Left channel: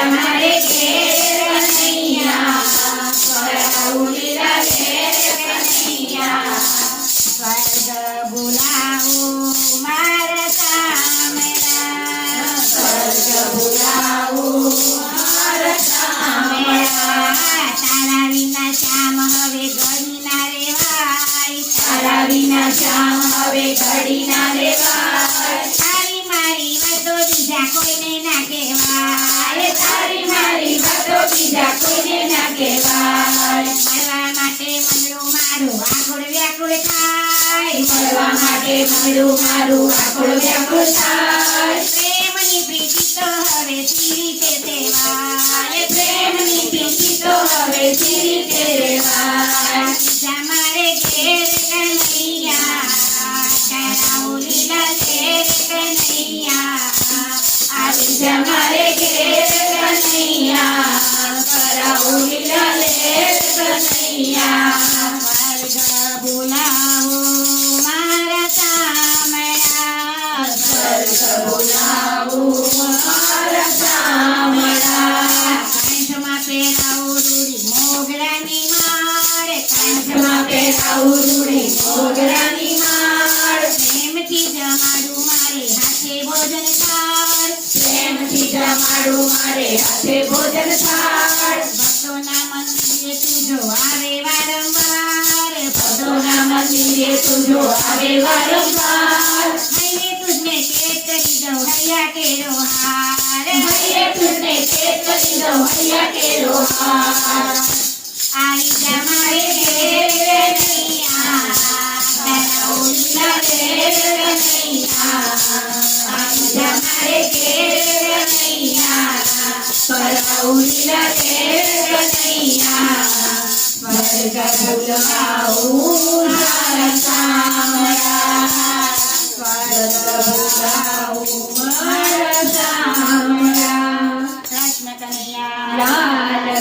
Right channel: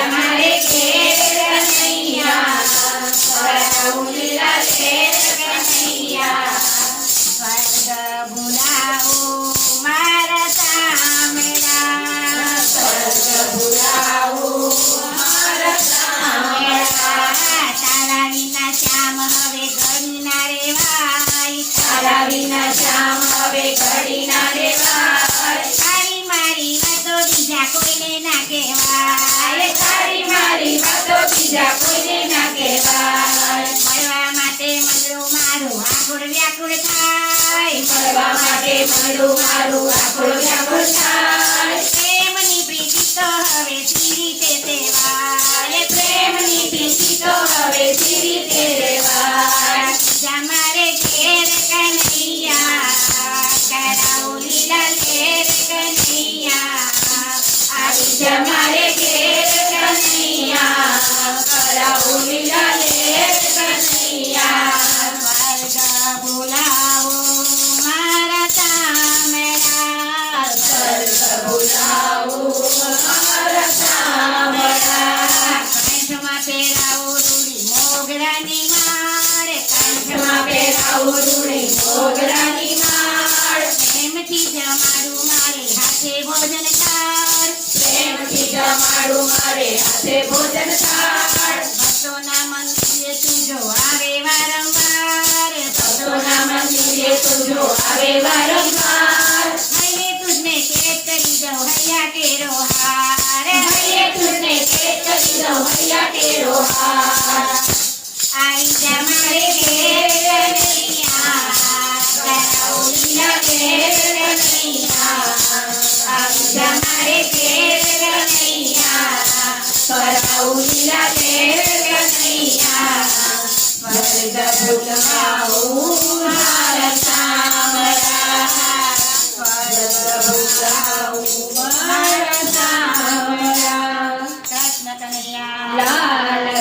Yeah, my કોઈને ના કહેવાય. મળવા માટે મંડળું તો ધીરી પ્રેમની પ્રીતિ તો હવે સી કંઠમાં પહેરાવું રૂડી મોગરાની માળ પ્રેમથી જમાડું મારે હાથે ભોજન થાળ પ્રેમથી જમાડું મારે હાથે ભોજન થાળ ભક્તોના મંદિરે તુજો આવે વારંવાર ભક્તોના મંદિરે તુજો આવે વારંવાર હૈયે તુજને કેત કરી દઉં હૈયા કેરો હાર હૈયે તુજને કેત કરી દઉં હૈયા કેરો હાર परौलीला पेर नैया मर्द बुलवाऊ मारता मरा मर्द बुलवाऊ मारता कृष्ण कन्हैया